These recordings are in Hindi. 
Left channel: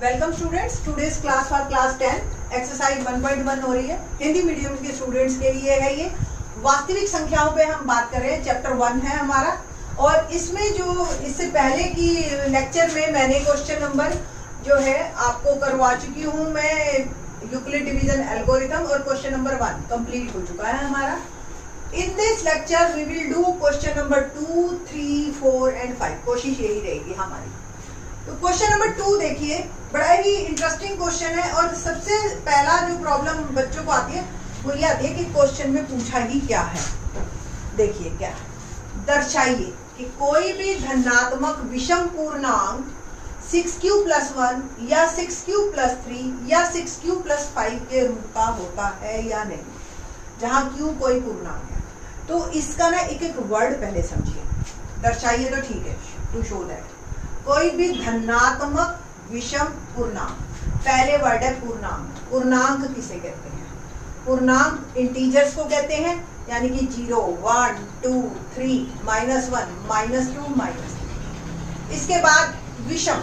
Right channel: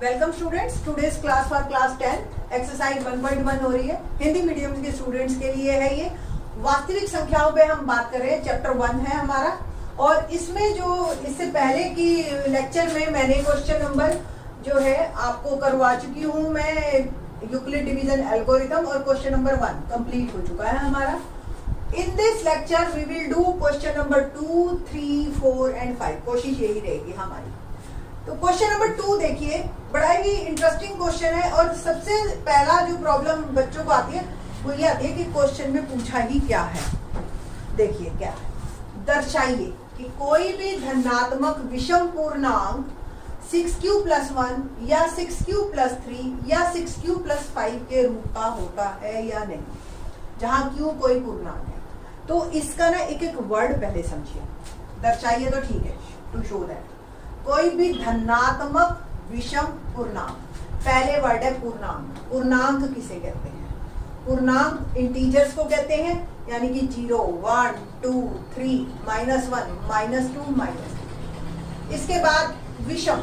Welcome students, today's class for class 10 exercise 1.1 हो रही है। हिंदी मीडियम के स्टूडेंट्स के लिए है ये। वास्तविक संख्याओं पे हम बात कर रहे हैं, चैप्टर 1 है हमारा। और इसमें जो इससे पहले की लेक्चर में मैंने क्वेश्चन नंबर जो है आपको करवा चुकी हूँ मैं, यूक्लिड डिवीजन एल्गोरिथम, और क्वेश्चन नंबर 1 कंप्लीट हो चुका है हमारा। In this lecture we will do question number 2, 3, 4 and 5। कोशिश यही रहेगी हमारी। तो क्वेश्चन नंबर 2 देखिए, बड़ा ही इंटरेस्टिंग क्वेश्चन है। और सबसे पहला जो प्रॉब्लम बच्चों को आती है वो ये आती है कि क्वेश्चन में पूछा ही क्या है। देखिए क्या है, दर्शाइए कि कोई भी धनात्मक विषम पूर्णांक 6q + 1 या 6q + 3 या 6q + 5 के रूप का होता है या नहीं, जहां q कोई पूर्णांक है। तो इसका ना एक एक वर्ड पहले समझिए। दर्शाइए तो ठीक है, टू शो दैट कोई भी धनात्मक विषम पूर्णांक, पहले वर्ड है पूर्णांक। पूर्णांक किसे कहते हैं? पूर्णांक इंटीजर्स को कहते हैं, यानी कि 0, 1, 2, 3, -1, -2, -3। इसके बाद विषम,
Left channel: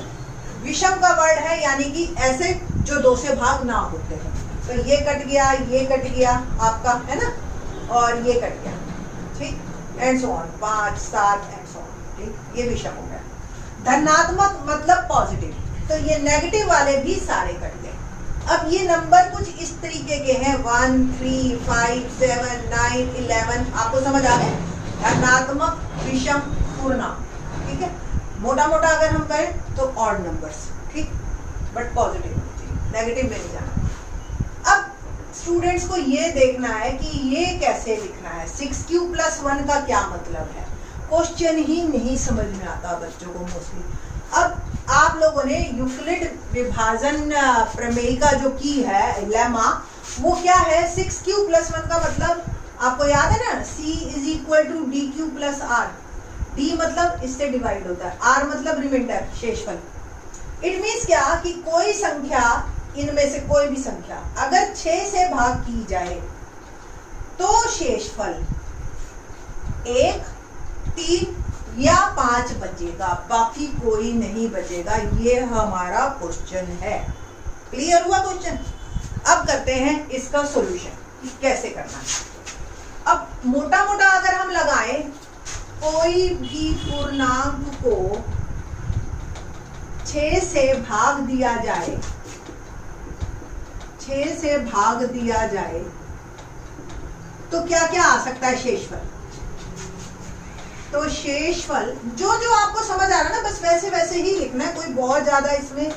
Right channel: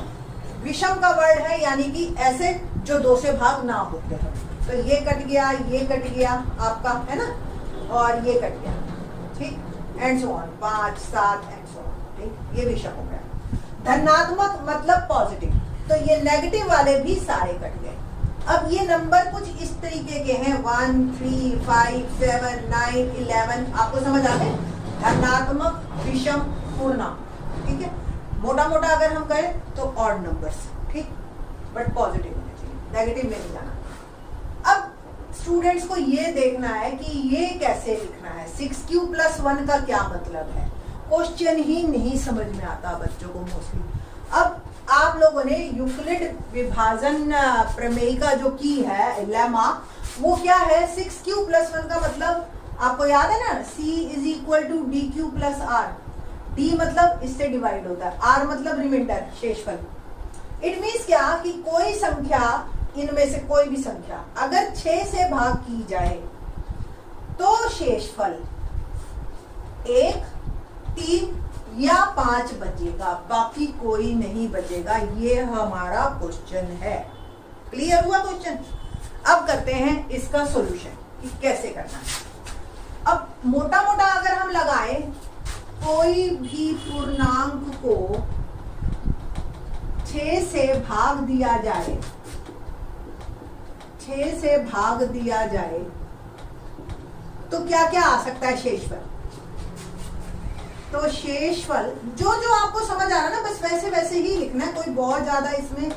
विषम का वर्ड है यानी कि ऐसे जो 2 से भाग ना होते हैं। तो ये कट गया, ये कट गया आपका, है ना, और ये कट गया, ठीक, and so on, 5, 7 and so on, ठीक। ये विषम हो गया। धनात्मक मतलब पॉजिटिव, तो ये नेगेटिव वाले भी सारे कट गए। अब ये नंबर कुछ इस तरीके के हैं, 1, 3, 5, 7, 9, 11। आपको समझ आ गए? धनात्मक विषम पूर्णांक, ठीक है। मोटा मोटा अगर हम करें तो ऑड नंबर्स, ठीक, बट पॉजिटिव होनी चाहिए, नेगेटिव में नहीं जाना। अब स्टूडेंट्स को ये देखना है कि ये कैसे लिखना है। 6q + 1 का क्या मतलब है? क्वेश्चन ही नहीं समझ में आता बच्चों को मोस्टली। अब आप लोगों ने यूक्लिड विभाजन प्रमेय का जो की है लेमा, वो क्या है? 6q + 1 का मतलब आपको याद है ना, c = dq + r। d मतलब इससे डिवाइड होता है, r मतलब रिमाइंडर, शेषफल। इट मीन्स क्या कि कोई संख्या, इनमें से कोई भी संख्या अगर 6 से भाग की जाए तो शेषफल 1, 3 या 5 बचेगा, बाकी कोई नहीं बचेगा। ये हमारा क्वेश्चन है। क्लियर हुआ क्वेश्चन? अब करते हैं इसका सॉल्यूशन कि कैसे करना है। अब मोटा मोटा अगर हम लगाएं, कोई भी पूर्णांक को 6 से भाग दिया जाए, 6 से भाग दिया जाए तो क्या क्या आ सकता है शेषफल? तो शेषफल जो जो आपको समझ आ रहा है ना, बस वैसे वैसे ही लिखना है। कोई बहुत ज्यादा इसमें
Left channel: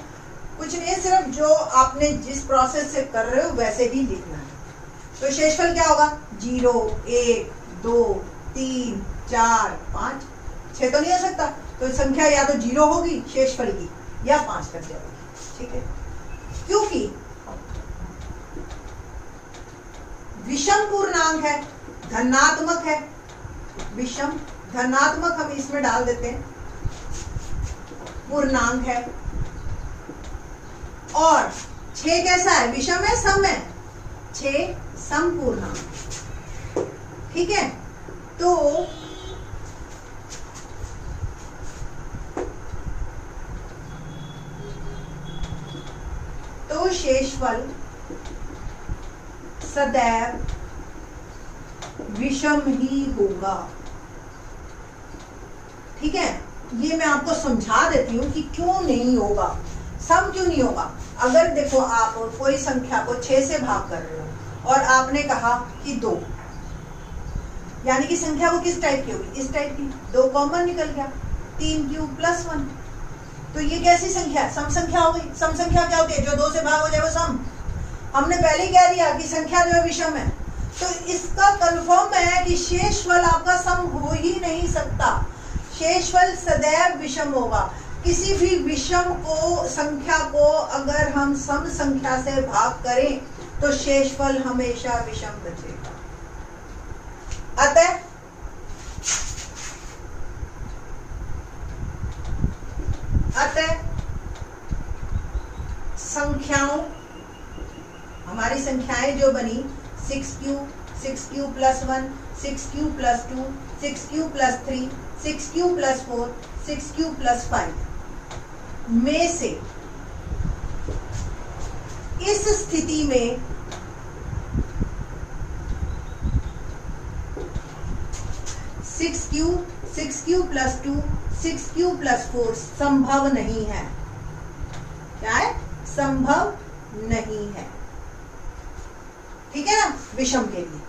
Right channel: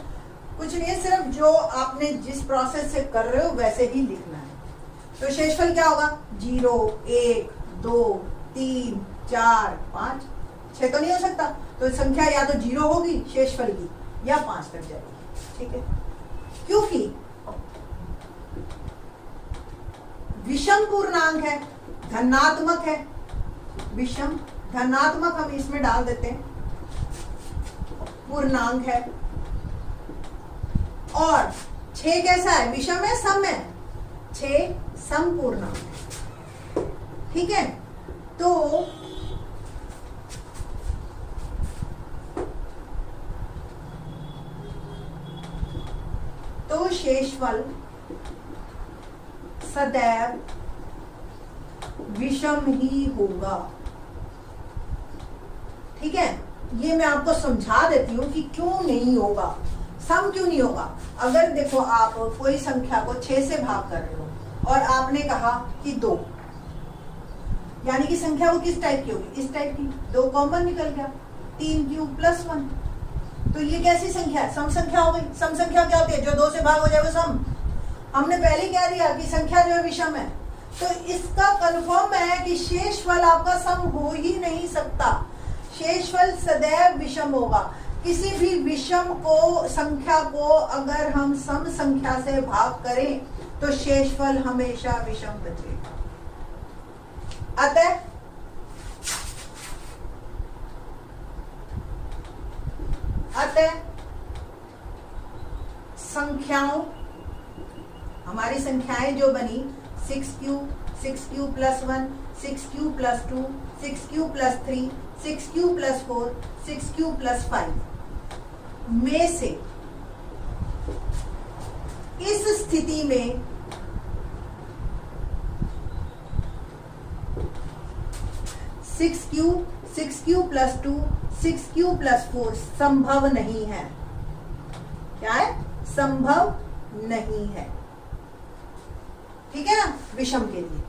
कुछ नहीं है, सिर्फ जो आपने जिस प्रोसेस से कर रहे हो वैसे ही लिखना है। तो शेषफल क्या होगा? 0, 1, 2, 3, 4, 5, 6 तो नहीं हो सकता। तो संख्या या तो 0 होगी शेषफल की, या 5 तक जाएगी, ठीक है। क्योंकि विषम पूर्णांक है, धनात्मक है, विषम धनात्मक हम इसमें डाल देते हैं, पूर्णांक है। और 6 कैसा है? विषम है, सम है, 6 सम पूर्णांक, ठीक है। तो शेषफल सदैव विषम ही होगा, ठीक है। ये मैं आपको समझा देती हूँ कि क्यों नहीं होगा, सम क्यों नहीं होगा। अगर देखो आप कोई संख्या को 6 से भाग कर रहे हो और आपने कहा कि 2, यानी कि संख्या वो किस टाइप की होगी? इस टाइप की। 2 कॉमन निकल गया, 3q + 1। तो ये कैसी संख्या है? सम संख्या हो गई। सम संख्या क्या होती है? जो 2 से भाग हो जाए वो सम। हमने पहले ही कह दिया कि संख्या जो है विषम है। तो इसका कंफर्म है कि शेषफल आपका सम हो ही नहीं सकता। शेषफल सदैव विषम होगा। किसी भी विषम को संख्या को अगर हम सम संख्या से भाग करें तो शेषफल हमेशा विषम बचेगा। अतः संख्याओं, हमारी संख्याएं जो बनी 6q, 6q + 1, 6q + 2, 6q + 3, 6q + 4, 6q + 5 में से इस स्थिति में six Q plus 2 6q plus 4 संभव नहीं है। क्या है? संभव नहीं है। ठीक है ना, विषम के लिए।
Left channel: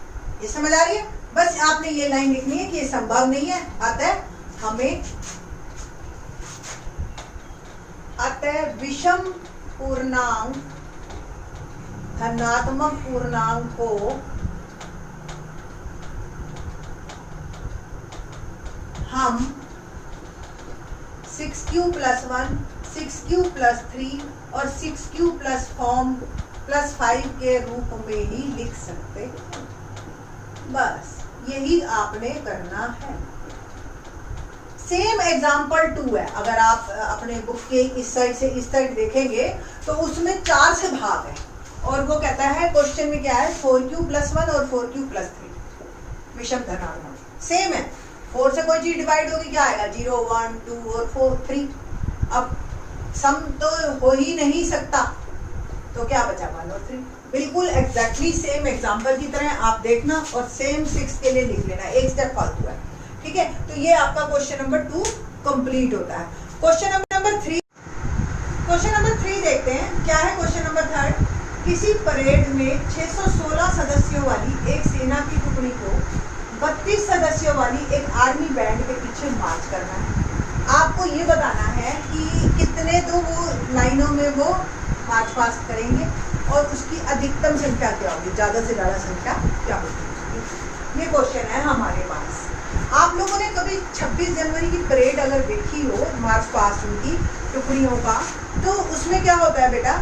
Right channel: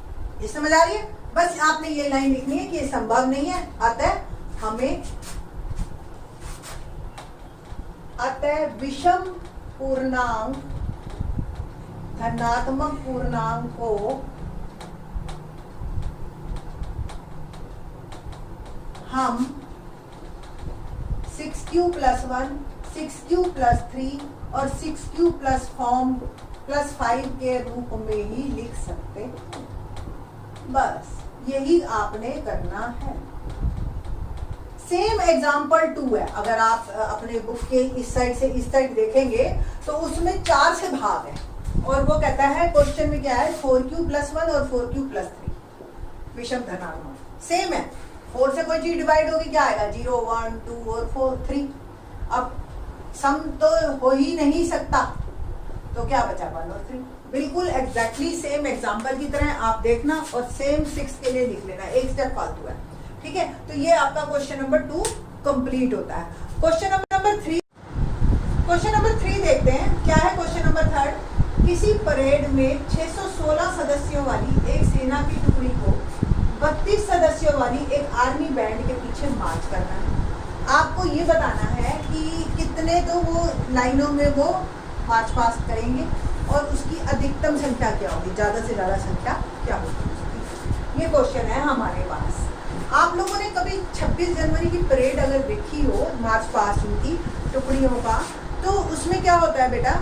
ये समझ आ रही है? बस आपने ये लाइन लिखनी है कि ये संभव नहीं है, अतः विषम पूर्णांक धनात्मक पूर्णांक को हम 6q प्लस 1, 6q प्लस 3 और 6q प्लस 5 के रूप में ही लिख सकते हैं। बस यही आपने करना है। सेम एग्जाम्पल 2 है। अगर आप अपने बुक के इस साइड से इस साइड देखेंगे तो उसमें 4 से भाग है, और वो कहता है क्वेश्चन में क्या है, 4q प्लस 1 और 4q प्लस 3 विषम धनात्मक। सेम है, 4 से कोई चीज डिवाइड होगी, क्या आएगा? 0 1 2 और 4 3। अब सम तो हो ही नहीं सकता, तो क्या बचा? 1 और 3। बिल्कुल एग्जैक्टली सेम एग्जाम्पल की तरह आप देखना और सेम 6 के लिए लिख लेना, एक स्टेप फालतू है। ठीक है, तो ये आपका क्वेश्चन नंबर 2 कंप्लीट होता है। क्वेश्चन नंबर 3 देखते हैं। क्या है क्वेश्चन नंबर 3? किसी परेड में 616 सदस्यों वाली एक सेना की टुकड़ी को 32 सदस्यों वाली एक आर्मी बैंड के पीछे मार्च करना है। आपको ये बताना है कि कितने तो वो लाइनों में वो मार्च पास्ट करेंगे और उसकी अधिकतम संख्या क्या होगी, ज्यादा से ज्यादा संख्या क्या होगी। ये क्वेश्चन है हमारे पास। आप लोगों ने कभी 26 जनवरी की परेड अगर देखी हो, मार्च पास्ट उनकी टुकड़ियों का, तो उसमें क्या होता है बेटा,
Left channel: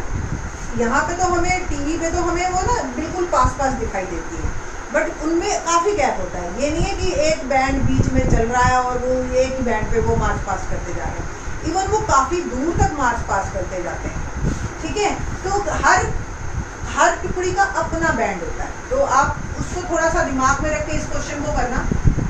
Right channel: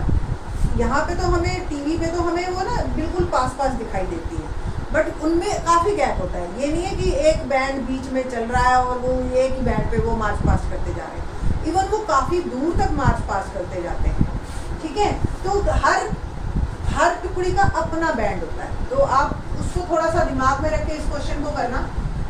यहाँ पे तो हमें टीवी पे तो हमें वो ना बिल्कुल पास दिखाई देती है, बट उनमें काफी गैप होता है। ये नहीं है कि एक बैंड बीच में चल रहा है और वो एक ही बैंड पे वो मार्च पास्ट करते जा रहे हैं। इवन वो काफी दूर तक मार्च पास्ट करते जाते हैं। ठीक है, तो हर टुकड़ी का अपना बैंड होता है। तो आप उसको थोड़ा सा दिमाग में रख के इस क्वेश्चन को करना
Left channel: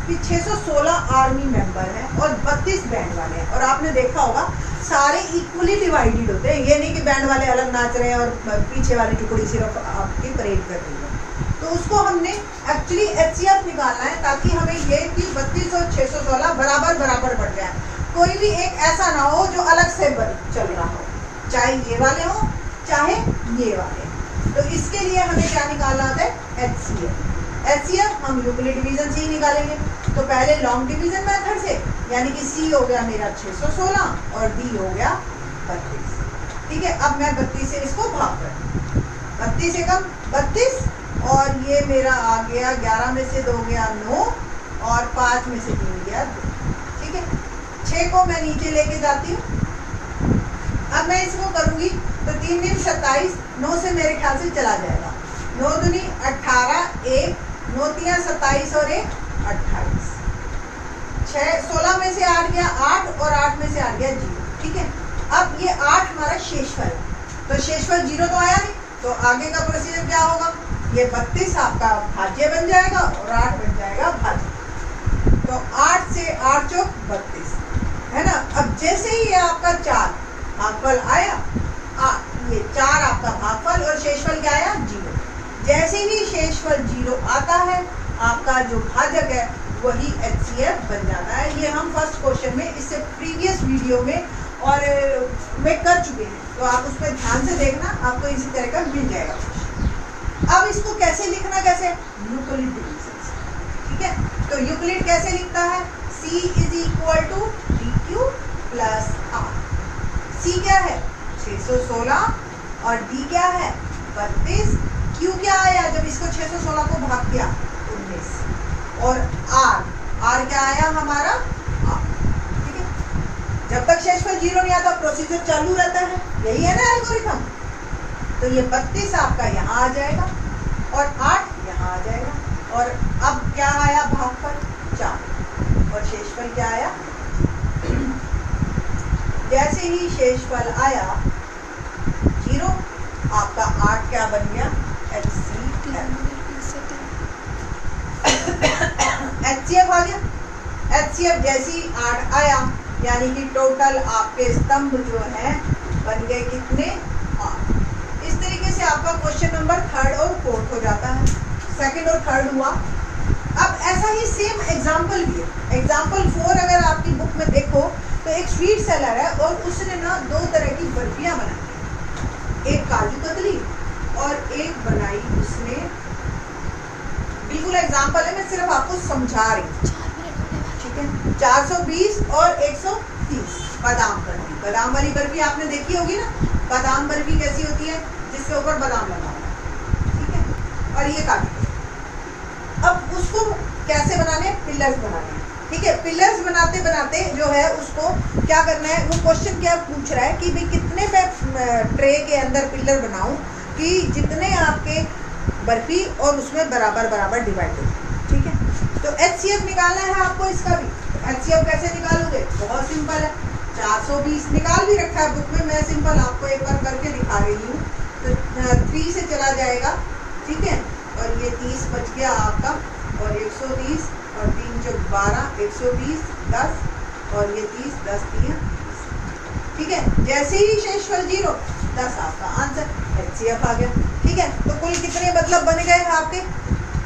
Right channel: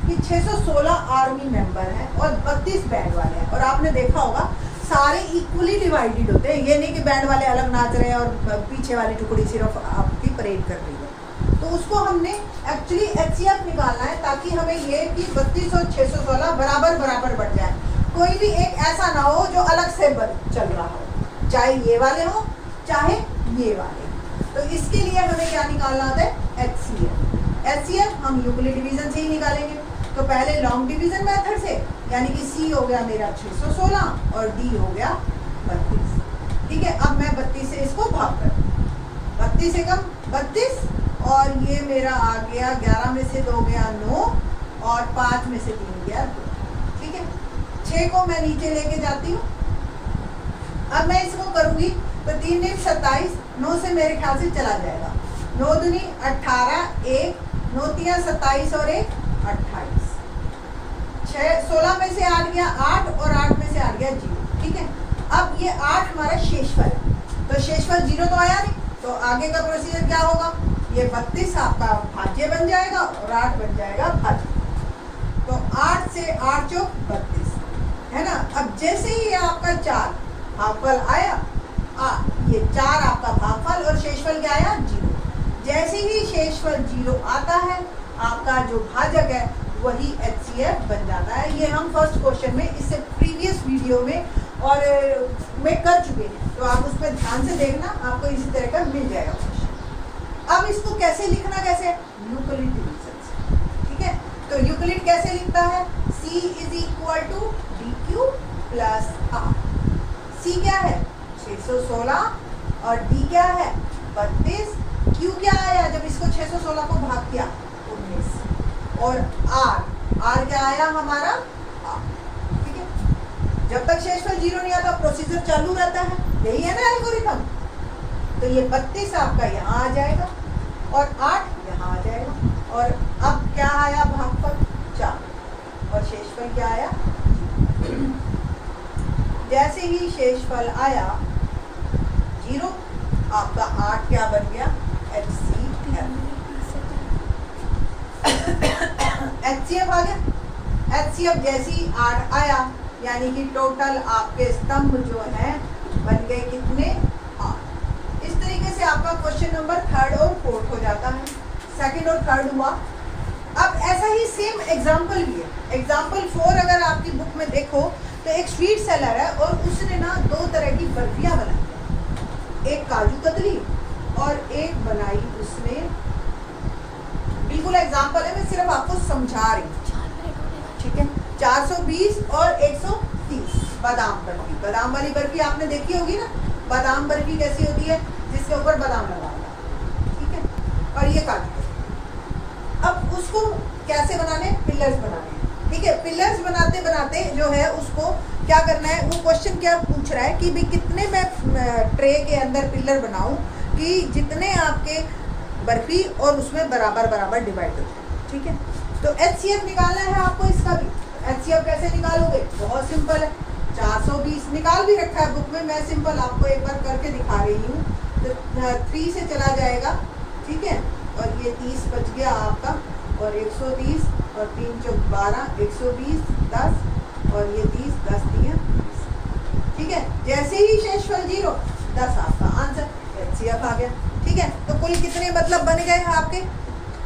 कि 616 आर्मी मेंबर हैं और 32 बैंड वाले हैं, और आपने देखा होगा सारे इक्वली डिवाइडेड होते हैं। ये नहीं कि बैंड वाले अलग नाच रहे हैं और पीछे वाली टुकड़ी सिर्फ आपकी परेड कर रही है। तो उसको हमने एक्चुअली HCF निकालना है, ताकि हमें ये कि 32 और 616 बराबर बढ़ जाए। कोई भी एक ऐसा ना हो जो अलग से चल रहा हो, चाहे ये वाले हो चाहे ये वाले। तो इसके लिए हमें क्या निकालना होता है? HCF हम यूक्लिड डिवीजन से ही निकालेंगे। तो पहले लॉन्ग डिवीजन मेथड से, यानी कि C हो गया मेरा 616 और D हो गया 32। ठीक है, अब मैं 32 से इसको भाग कर 32 से कम 32, और ये मेरा आ गया 11 में से 2 गया 9 और 5 में से 3 गया 2। ठीक है, 6 को मैं नीचे लेके जाती हूँ। अब मैं इसको करूंगी तो 3 दिन 27, 9 से मेरे ख्याल से चला जाएगा, 9 दूनी 18, 1 9 3 27 और 1 28, 16 में से 8 गया 8 और 8 में से 8 गया 0। ठीक है, अब ये 8 हमारा शेषफल, तो शेषफल 0 तो आया नहीं, तो आगे का प्रोसीजर क्या होगा? ये 32 आपका भाज्य बन जाएगा और 8 बन जाएगा भाज्य। तो 8 से 8 चौक 32 है ना। अब जैसे ही ये आपका 4 भागफल आया, ये 4 आपका भागफल और शेषफल क्या आया? 0। जैसे ही शेषफल 0 आता है, आपका जो भाजक है वही HCF बन जाता है। ये हम फर्स्ट क्वेश्चन में, इससे प्रीवियस वीडियो में और में कर चुके हैं, तो आप उस पर ध्यान से देखना, आपको इसी तरह का मिल जाएगा। अब इसको कैसे लिखना, कैसे? यूक्लिड डिवीजन से। ठीक है, तो यूक्लिड कैसे लिखता है? C is equal to DQ plus R। C क्या है? 616 और D क्या है? 32। Q क्या आया जब इसको 616 को भाग किया? 19। और R क्या आया हमारा? R। ठीक है, जब तक शेषफल 0 नहीं आता प्रोसीजर चालू रहता है, यही है ना एल्गोरिथम। तो ये 32 आपका यहाँ आ जाएगा और 8 यहाँ आ जाएगा, और अब क्या आया? भागफल 4 और शेषफल क्या आया? जैसे ही शेषफल आया 0, आपका 8 क्या बन गया? HCF आ गया। HCF जैसे ही 8 आया, यानी कि टोटल आपके स्तंभ जो है बन गए कितने? 8। इस तरीके से आप क्वेश्चन नंबर थर्ड और फोर्थ हो जाता है, सेकंड और थर्ड हुआ। अब ऐसा ही सेम एग्जाम्पल भी है। एग्जाम्पल 4 अगर आपकी बुक में देखो तो एक स्वीट सेलर है और उसने ना 2 तरह की बर्फियां बनाई, एक काजू कतली और एक बनाई उसने, बिल्कुल एग्जाम्पल है, मैं सिर्फ आपको समझा रही हूँ, ठीक है। 420 और 130 बादाम बर्फी। बादाम वाली बर्फी आपने देखी होगी ना, बादाम बर्फी कैसी होती है, जिसके ऊपर बादाम लगा हुआ है, ठीक है। और ये काजू, अब उसको कैसे बनाने, पिलर्स बनाने, ठीक है। पिलर्स बनाते बनाते जो है उसको क्या करना है, वो क्वेश्चन क्या पूछ रहा है कि भाई कितने मैं ट्रे के अंदर पिलर बनाऊं कि जितने आपके बर्फी और उसमें बराबर बराबर डिवाइड हो जाए, ठीक है। तो HCF निकालना है आपको इसका भी। HCF कैसे निकालोगे, बहुत सिंपल है। 420 निकाल भी रखा है बुक में, मैं सिंपल आपको एक बार करके दिखा रही हूँ। तो 3 से चला जाएगा, ठीक है, और ये 30 बच गया आपका, और 130 और 3 चौक 12, 120, 10 और ये 30, 10 3, ठीक है। जैसे ही शेषफल 0, 10 आपका आंसर HCF आ गया, ठीक है। तो कुल कितने मतलब बन गए आपके,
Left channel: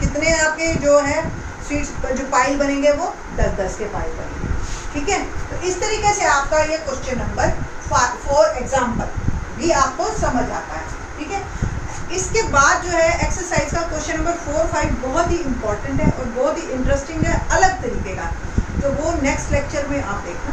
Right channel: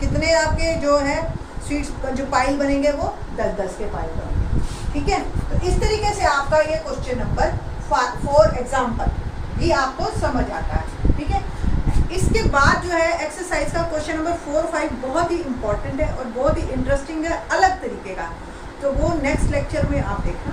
कितने आपके जो है सीट्स जो पाइल बनेंगे वो 10-10 के पाइल बनेंगे, ठीक है। तो इस तरीके से आपका ये क्वेश्चन नंबर 4 एग्जाम्पल भी आपको समझ आता है, ठीक है। इसके बाद जो है एक्सरसाइज का क्वेश्चन नंबर 4, 5 बहुत ही इंपॉर्टेंट है और बहुत ही इंटरेस्टिंग है, अलग तरीके का, तो वो नेक्स्ट लेक्चर में आप देखना।